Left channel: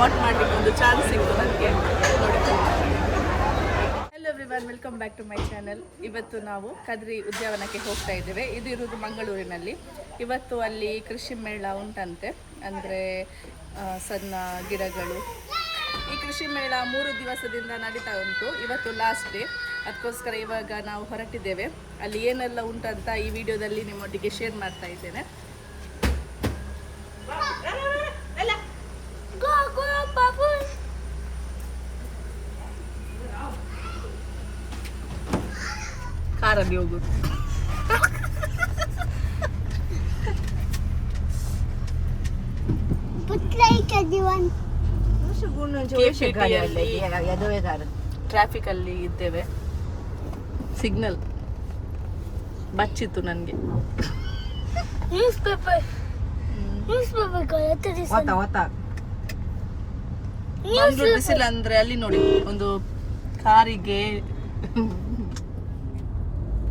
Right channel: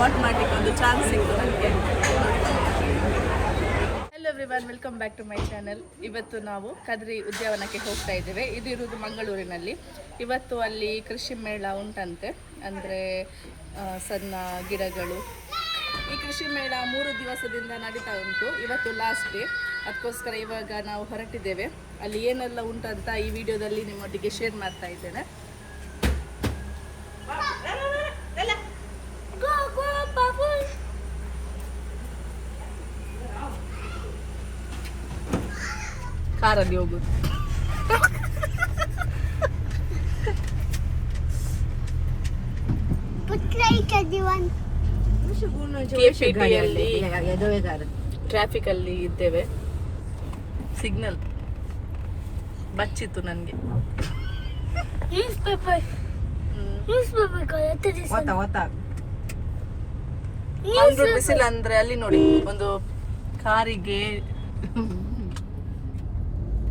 What ಒಂದು chance ಸಿಕ್ತು hello everyone welcome back to my channel ಇವತ್ತು ನಾವು ಕದ್ರಿ ಉದ್ಯಾನವನಕ್ಕೆ ಹೋಗ್ತಾ ಇದ್ದೇವೆ. ಇದು ಇರುವುದು ಮಂಗಳೂರಿನಲ್ಲಿ. ಇವತ್ತು ಅಲ್ಲಿ ಕೃಷಿ ಮೇಳ ಉಂಟಂತೆ. ಅಂದರೆ ಸಣ್ಣ ಗಿಡಗಳು. ಈ ಕೃಷಿ ಮೇಳ ಮೂರು ದಿವಸದಿಂದ ನಡೀತಾ ಉಂಟು. ಇವತ್ತು ಲಾಸ್ಟ್ ಡೇ ಅದಕ್ಕೋಸ್ಕರ ಇವಾಗ ನಾವು ಹೊರಟಿದ್ದೇವೆ. ಅಲ್ಲಿ ಏನೆಲ್ಲ ಉಂಟಂತ ಈ ವಿಡಿಯೋದಲ್ಲಿ ನಿಮ್ಮೊಟ್ಟಿಗೆ ಶೇರ್ ಮಾಡ್ತಾ ಇದ್ದೇನೆ. ಕಾರಲ್ಲಿ ಹೋಗುದು KPT ಯಲ್ಲಿ ಟ್ರಾಫಿಕ್ ಅಲ್ಲಿ ಇದ್ದೇವೆ. ಸಿಗ್ನಲ್ ಬಚ್ಚಿತ್ತು ನನಗೆ ಬಿಸಿಲು ಅಂದ್ರೆ ಅಲ್ಲಿ ನೋಡಿ ಒಂದು ಕಾರಿಗೆ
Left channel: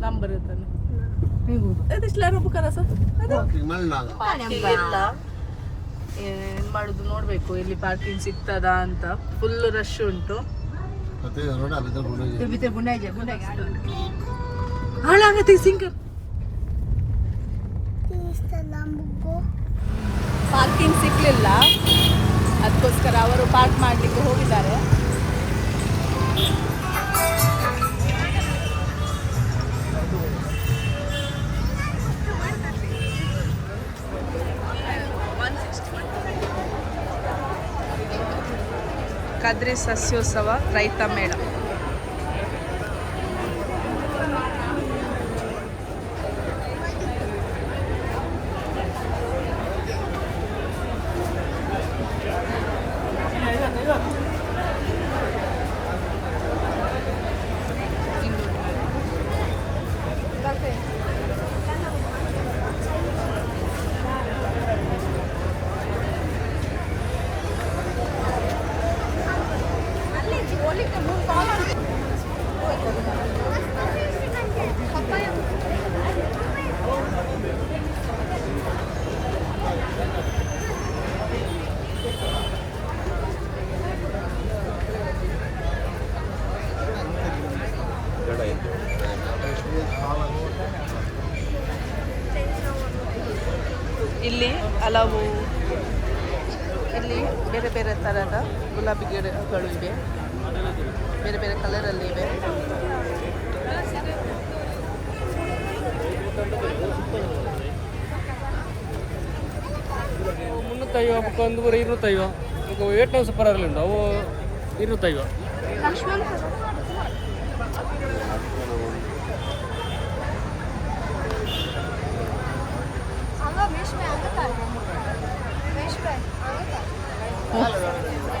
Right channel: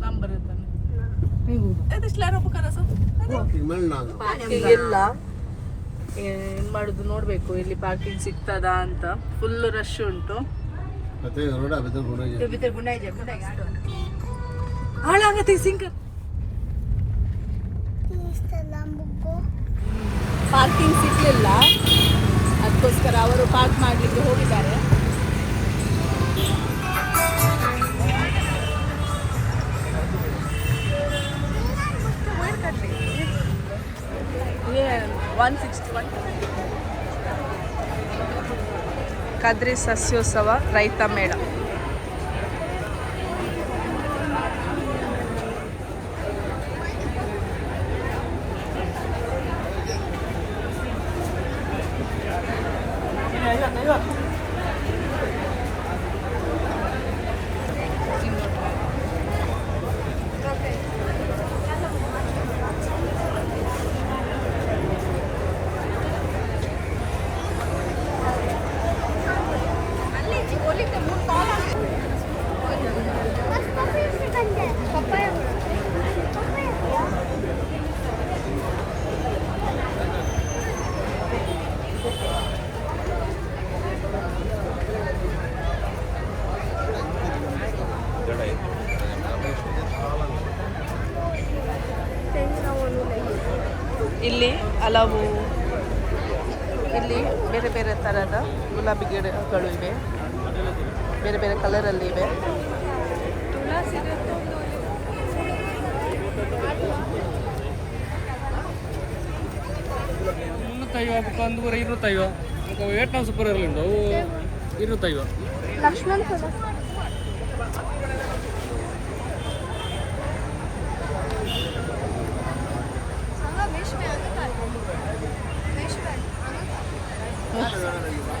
ನಂಬರ್ ಇರ್ತಾನೆ. ಪಾರ್ಕಿಂಗ್ ಎಲ್ಲ ಏನ್ ಮಾಡುದು ನೋಡ್ಬೇಕು ಇಲ್ಲಿ ಪಾರ್ಕಿಂಗ್ ಸಿಗ್ತದಾ ಅಂತ. ಫುಲ್ ರಶ್ ಉಂಟು. ಹಾಳಾಗತ್ತೆ ಸಿಂಗರ್ ಪಾರ್ಕಿಂಗ್ ಸಿಗ್ಲಿಲ್ಲ. ಅದಕ್ಕೋಸ್ಕರ ಅವರು ಪಾರ್ಕ್ ಮಾಡಲಿಕ್ಕೆ ಹೋಗಿದ್ದಾರೆ. ಕದ್ರಿ ಸಸ್ಯೋತ್ಸವ ರೈತ ಮೇಳ ಇಲ್ಲಿ ಹಲವು ಇಲ್ಲಿ ಬೇರೆ ಬೇರೆ ಥರದ ಗುಲಾಬಿ ಗಿಡಗಳು ಇವೆ. ಬೇರೆ ಬೇರೆ ಕಲರಲ್ಲಿ ಇವೆ. ಮುನ್ನೂತ್ತೈವ ಮತ್ತು ಒಂದೂವರೆ ಇರುತ್ತೈವ ಸೂಪರ್ ಆಗಲಿ ಉಂಟು ಅವು ಇರುತ್ತೈವ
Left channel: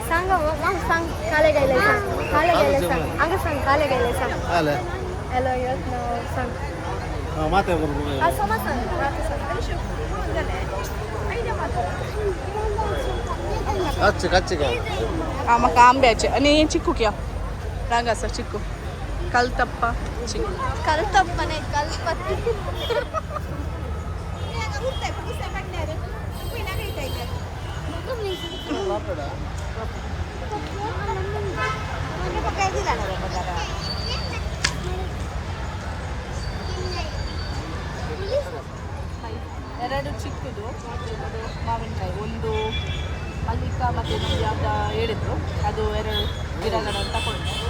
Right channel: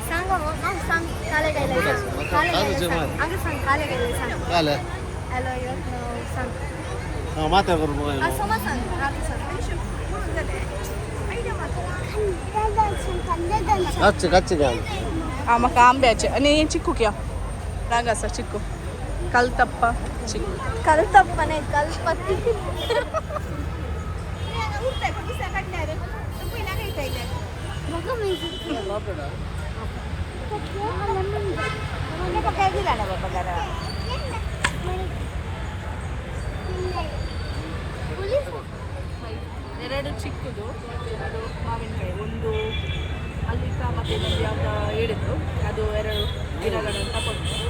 सांगा हो, मग सांग काले गायले सांग. काले गायले सांग. अगं सांग, काले गायले सांग. काले हॅलो, यक नाव सांग. हा माते बरोबर असं मग सांग, आता सांग. अच्छे कच्चे का ಆ ಮಕ್ಕ ಆಂಬ್ಯಾಚೆ ನೀ ಚಿಕ್ಕು ಕ್ಯಾ ರಾಗಸ ಚಿಕ್ಕು ಕಲ್ತಪ್ಪ ಚಿಕ್ಕು कलतप्पने, कलपत्ती. ಎರಡು ಚಿಕ್ಕದು ಎರಡು ಮಾವಿನಕಾಯಿ. ಒಂದು ಅಲ್ಲಿಕ್ಕ ಮತ್ತು ಯಾವುದೋ ಹೇಳಿದ್ರು. ಅದು ಎರಡು ಗಿಡಗಳನ್ನು ತಗೊಂಡು.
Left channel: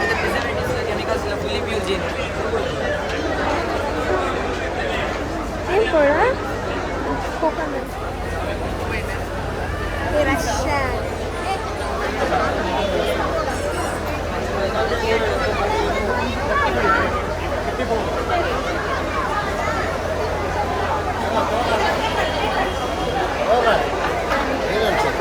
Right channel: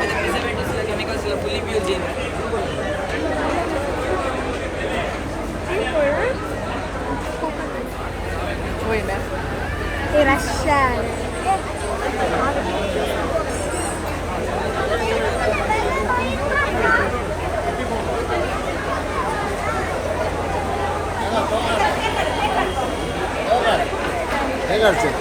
with the preservatives chemicals fully. Wait. Hey,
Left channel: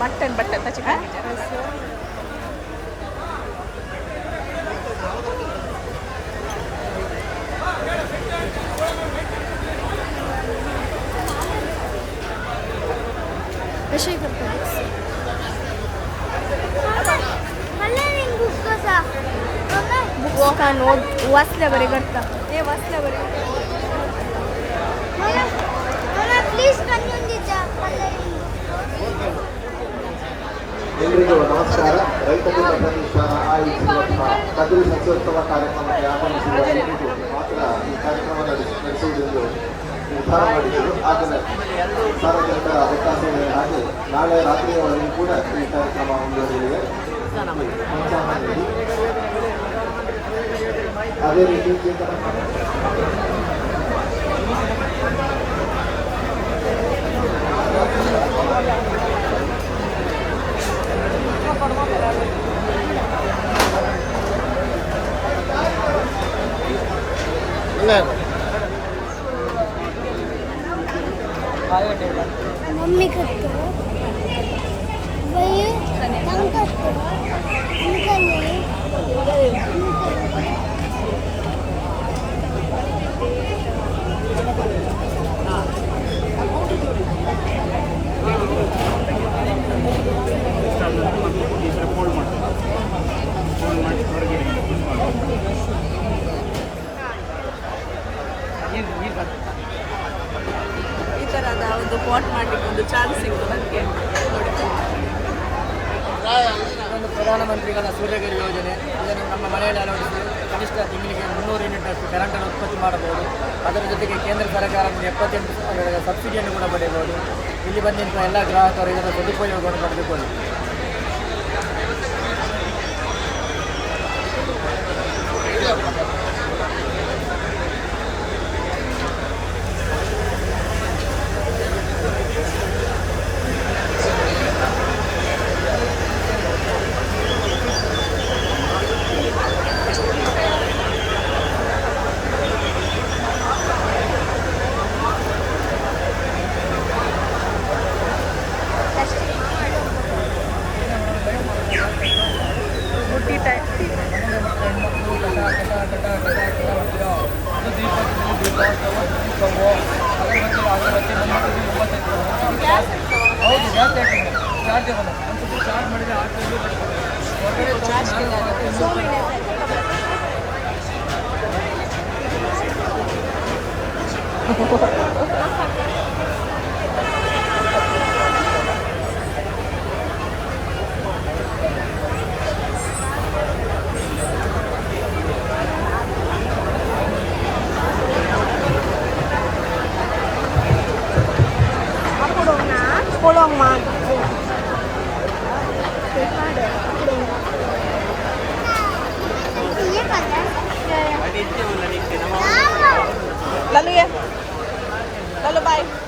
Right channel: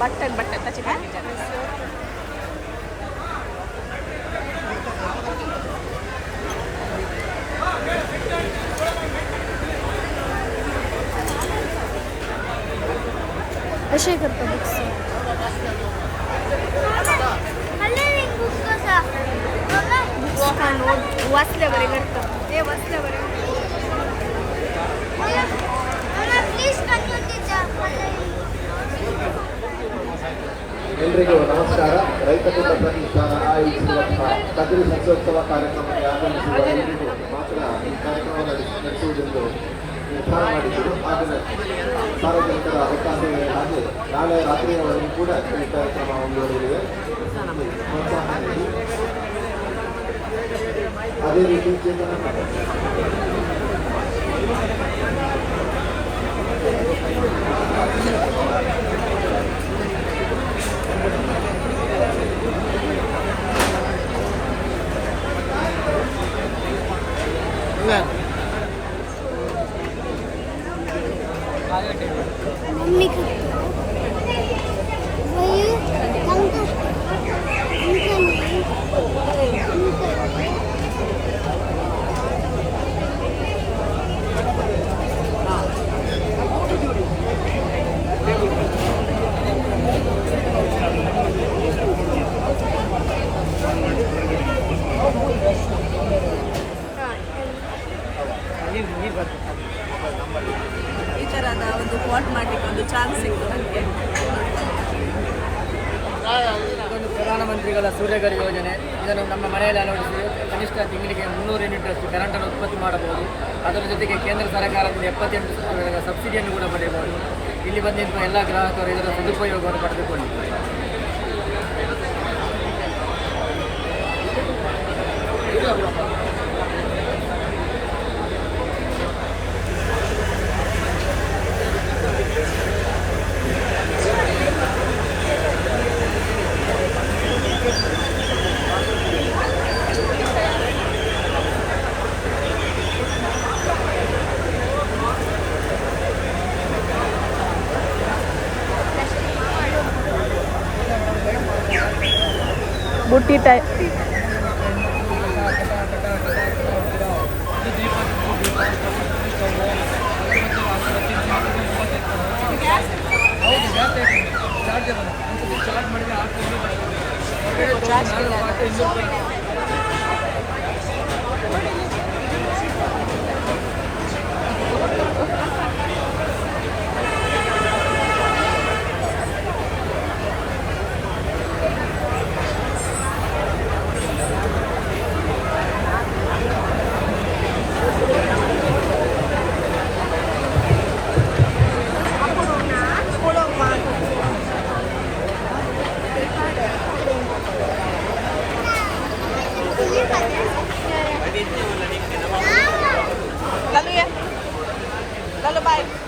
button button का chicken Teşekkür ederim. Bukan, wasnya beri kerja. Ya, wasnya beri. ಎಲ್ರಿಗೂ ನಮಸ್ಕಾರ. ರೈತ ಪ್ರತಿಷ್ಠಾನ ಆಯೋಜಿಸಿರುವಂತಹ ಕದಿರು ಮಹೋತ್ಸವ ಕಾರ್ಯಕ್ರಮಕ್ಕೆ ಆಗಮಿಸಿರುವ ಎಲ್ಲರಿಗೂ ಮಾತ್ರ ಈ ಕಾರ್ಯಕ್ರಮವನ್ನು ನಡೆಸುವುದೆಂದು ನಿರ್ಧಾರ ಮಾಡಿದರು. ಆದರೆ ಸಾರ್ವಜನಿಕರ ಅವಕಾಶಗಳಿಗಾಗಿ ನಾಳೆ ರಾತ್ರಿಯವರೆಗೂ ಕೂಡ ಈ ಕಾರ್ಯಕ್ರಮ ಮುಂದುವರಿಯಲಿದೆ. ಅದೇ ರೀತಿ ಪ್ರಧಾನಮಂತ್ರಿಗಳ ಸೂರ್ಯಘರ್ ಯೋಜನೆ. ಇದನ್ನು ನಮ್ಮ ಮನೆಯಲ್ಲಿ ಅಳವಡಿಸಿ ಕನಿಷ್ಠ ತಿಂಗಳಿಗೆ ಮುನ್ನೂರು ಯೂನಿಟ್ ಅಷ್ಟು ಕರೆಂಟನ್ನು ಉತ್ಪತ್ತಿ ಮಾಡಬಹುದು. ಅದರ ಜೊತೆಗೆ ಕೇಂದ್ರ ಸರ್ಕಾರದಿಂದ ಎಪ್ಪತ್ತೆಂಟು ಸಬ್ಸಿಡಿಯನ್ನು ಕೂಡ ಪಡೆಯಬಹುದು. ಇಲ್ಲಿ ಬಂದಿರುವ ಎಲ್ಲ ಗ್ರಾಹಕರು ಇದರ ಸದುಪಯೋಗವನ್ನು ಪಡೆದುಕೊಳ್ಳಿ. Lalo yan. Lalo bye.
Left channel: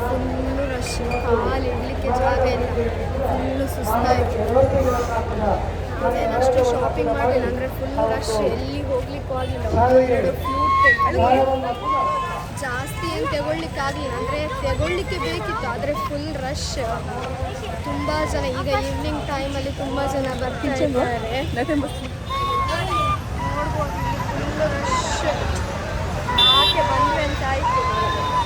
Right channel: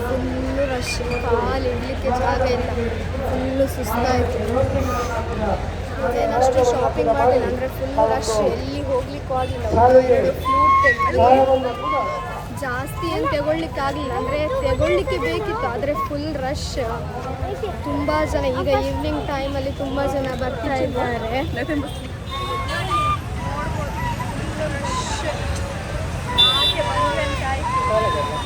Full rush ಕಾಲು ಇಡಲಿಕ್ಕೆ ಜಾಗ ಇಲ್ಲ ಫುಲ್ಲು ಸುಸ್ತಾಯಿತು ಅಷ್ಟು ಶಾಪಿಂಗ್ ಮಾಡಿಲ್ಲ ಅಂದರೆ ಫುಲ್ ರಶ್ ಎಲ್ಲಿ ಹೋಗ್ಲಿಕ್ಕೂ ಆಗಲಿಲ್ಲ ಫ್ಲೂಟ್ ತೆಗೆದು ಜಾಸ್ತಿ ಏನು ತಗೊಳ್ಲಿಕ್ಕೆ ಆಗಲಿಲ್ಲ ಅಂದರೆ ತಗೊಳ್ಲಿಕ್ಕೆ ಬೇಕಿತ್ತು ಆದರೆ ಫುಲ್ ರಶ್ ತುಂಬ ಜನ ಈಗ ಈವ್ನಿಂಗ್ ಟೈಮಲ್ಲಿ ತುಂಬ ಜನ ಬರ್ತಾ ಇದ್ದಾರೆ Shit. I have to run inside.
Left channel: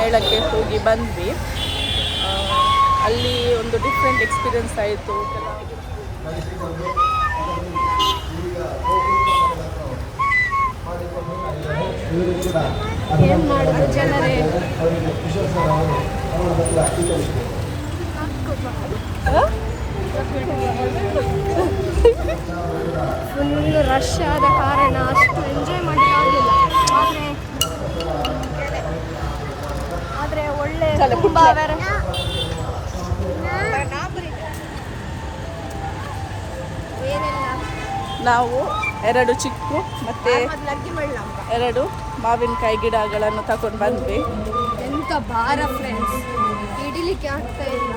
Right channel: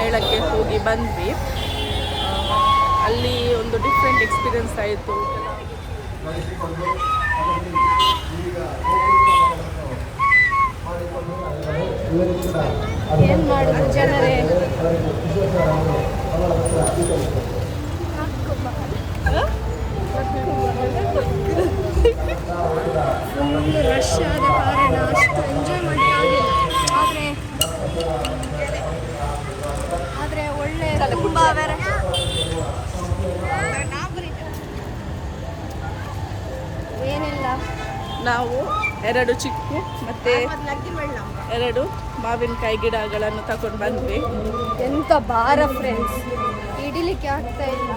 ಮೇಳಕ್ಕೆ ಹೋಗಿ ಬಂದ್ವಿ. ಅಲ್ಲಿ ಒಂದು ಡಿಫ್ರೆಂಟ್ ಎಕ್ಸ್ಪೀರಿಯನ್ಸ್ ಆಯಿತು. ಏನು ಮಾಡೋದು ಜನರೇ? ಫುಲ್ ರಶ್ ಆದ ಕಾರಣ ಅಷ್ಟು ಎಂಜಾಯ್ ಮಾಡಲಿಕ್ಕಾಗಲಿಲ್ಲ ಆದರೆ ಒಳ್ಳೆ ಏನಿಲ್ಲ. ನಾವು ಎರಡು ಚಿಕ್ಕು ಮತ್ತೆ. ಎರಡು ಮಾವಿನಕಾಯಿ ಗಿಡಗಳನ್ನು ತಗೊಂಡು ಬಂದ್ವಿ. ಎಂತ ಭಾರ ಫ್ರೆಂಡ್ಸ್ ಹಿಡಿಲಿಕ್ಕೆ ಆಗ್ತಾ ಇಲ್ಲ.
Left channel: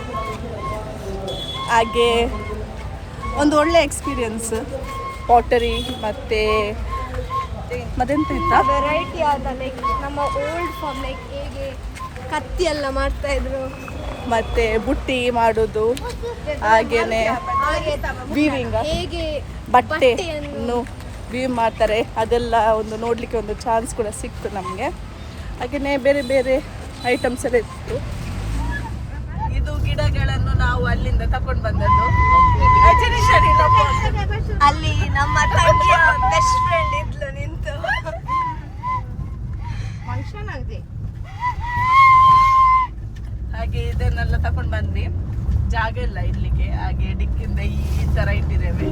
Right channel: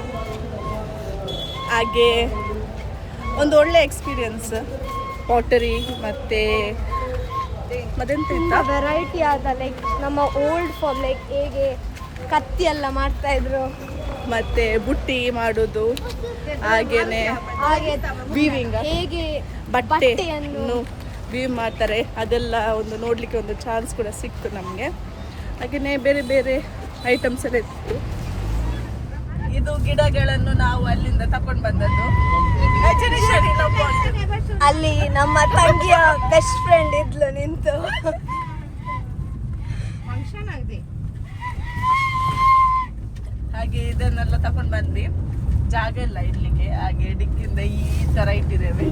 ಹಾಗೆ ಒಂದು ಒಳ್ಳೆ ಎಕ್ಸ್ಪೀರಿಯನ್ಸ್ ಪಾಟರಿ ಮತ್ತೆ ಮತ್ತೆಂತ ಇತ್ತಾ? ವೆರೈಟಿ ಆದ ಲೈಕ್ ನಮ್ಮ ಓಲ್ಡ್ ಫಾರ್ಮ್ ಲೈಕ್ ಹೇಗೆ ಕತ್ತಿ ಎಲ್ಲ ಮಾಡ್ತಾ ಇದ್ರು. ಮತ್ತು ಬುಟ್ಟಿ ಮಾಡುದು ಹಾಗೇನೆ ಹಾಗೆ ವೀವಿಂಗ್ ಹೇಗೆ ಬಟ್ಟೆಯನ್ನು ವೀವ್ ಮಾಡ್ತಾರೆ ಅದೆಲ್ಲ ಒಂದು ನೋಡಲಿಕ್ಕೆ ಒಂದು ಚಾನ್ಸ್ ಕೂಡ ಸಿಕ್ತು ನಮಗೆ. ಹಾಗೆಯೇ ಬೇರೆ ಬೇರೆ ಐಟಮ್ಸ್ ಎಲ್ಲ ಇತ್ತು. ಇದು ಗಿಡಗಳನ್ನು ನಾವು ಅಲ್ಲಿಂದ ತಕೊಂಡು ಬಂದದ್ದು. ಅಲ್ಲಿ ನಮ್ಮ ತಂಗಿಯ ಬೆಸ್ಟ್ ಫ್ರೆಂಡ್ ಇದ್ಲು ನಿಂತು. ಹಾಗೆ ಇದನ್ನೆಲ್ಲ ತಕೊಂಡು ಬಂದ್ವಿ. ಜಾಗ ಇಲ್ಲ ಇಡ್ಲಿಕ್ಕೆ ಹಾಗೆ ಡಿಕ್ಕಿಂದ ಈ ತರ ಇಟ್ಟಿದ್ದೇವೆ.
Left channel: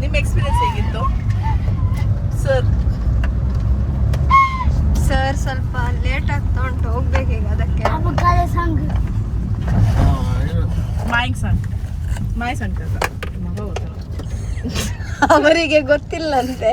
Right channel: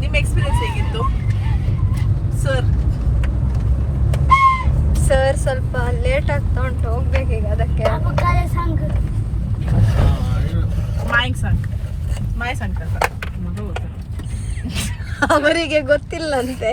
ನಿಮ್ಮ ಎಕ್ಸ್ಪೀರಿಯನ್ಸ್ ಹೇಗಿತ್ತು? ಸರ್ ಸರ್ ಸ್ವಲ್ಪ ಲೇಟ್ ಆಗ್ತಾ ಉಂಟು ಹೋಗ್ಬೇಕೀಗ ಅದಕ್ಕೆ. ಮಾಯಿಂಗ್ ಸಾಂಗ್ ಮಾಯ್. ಅವರಿಗೆ ಗೊತ್ತಿಲ್ಲಂತೆ.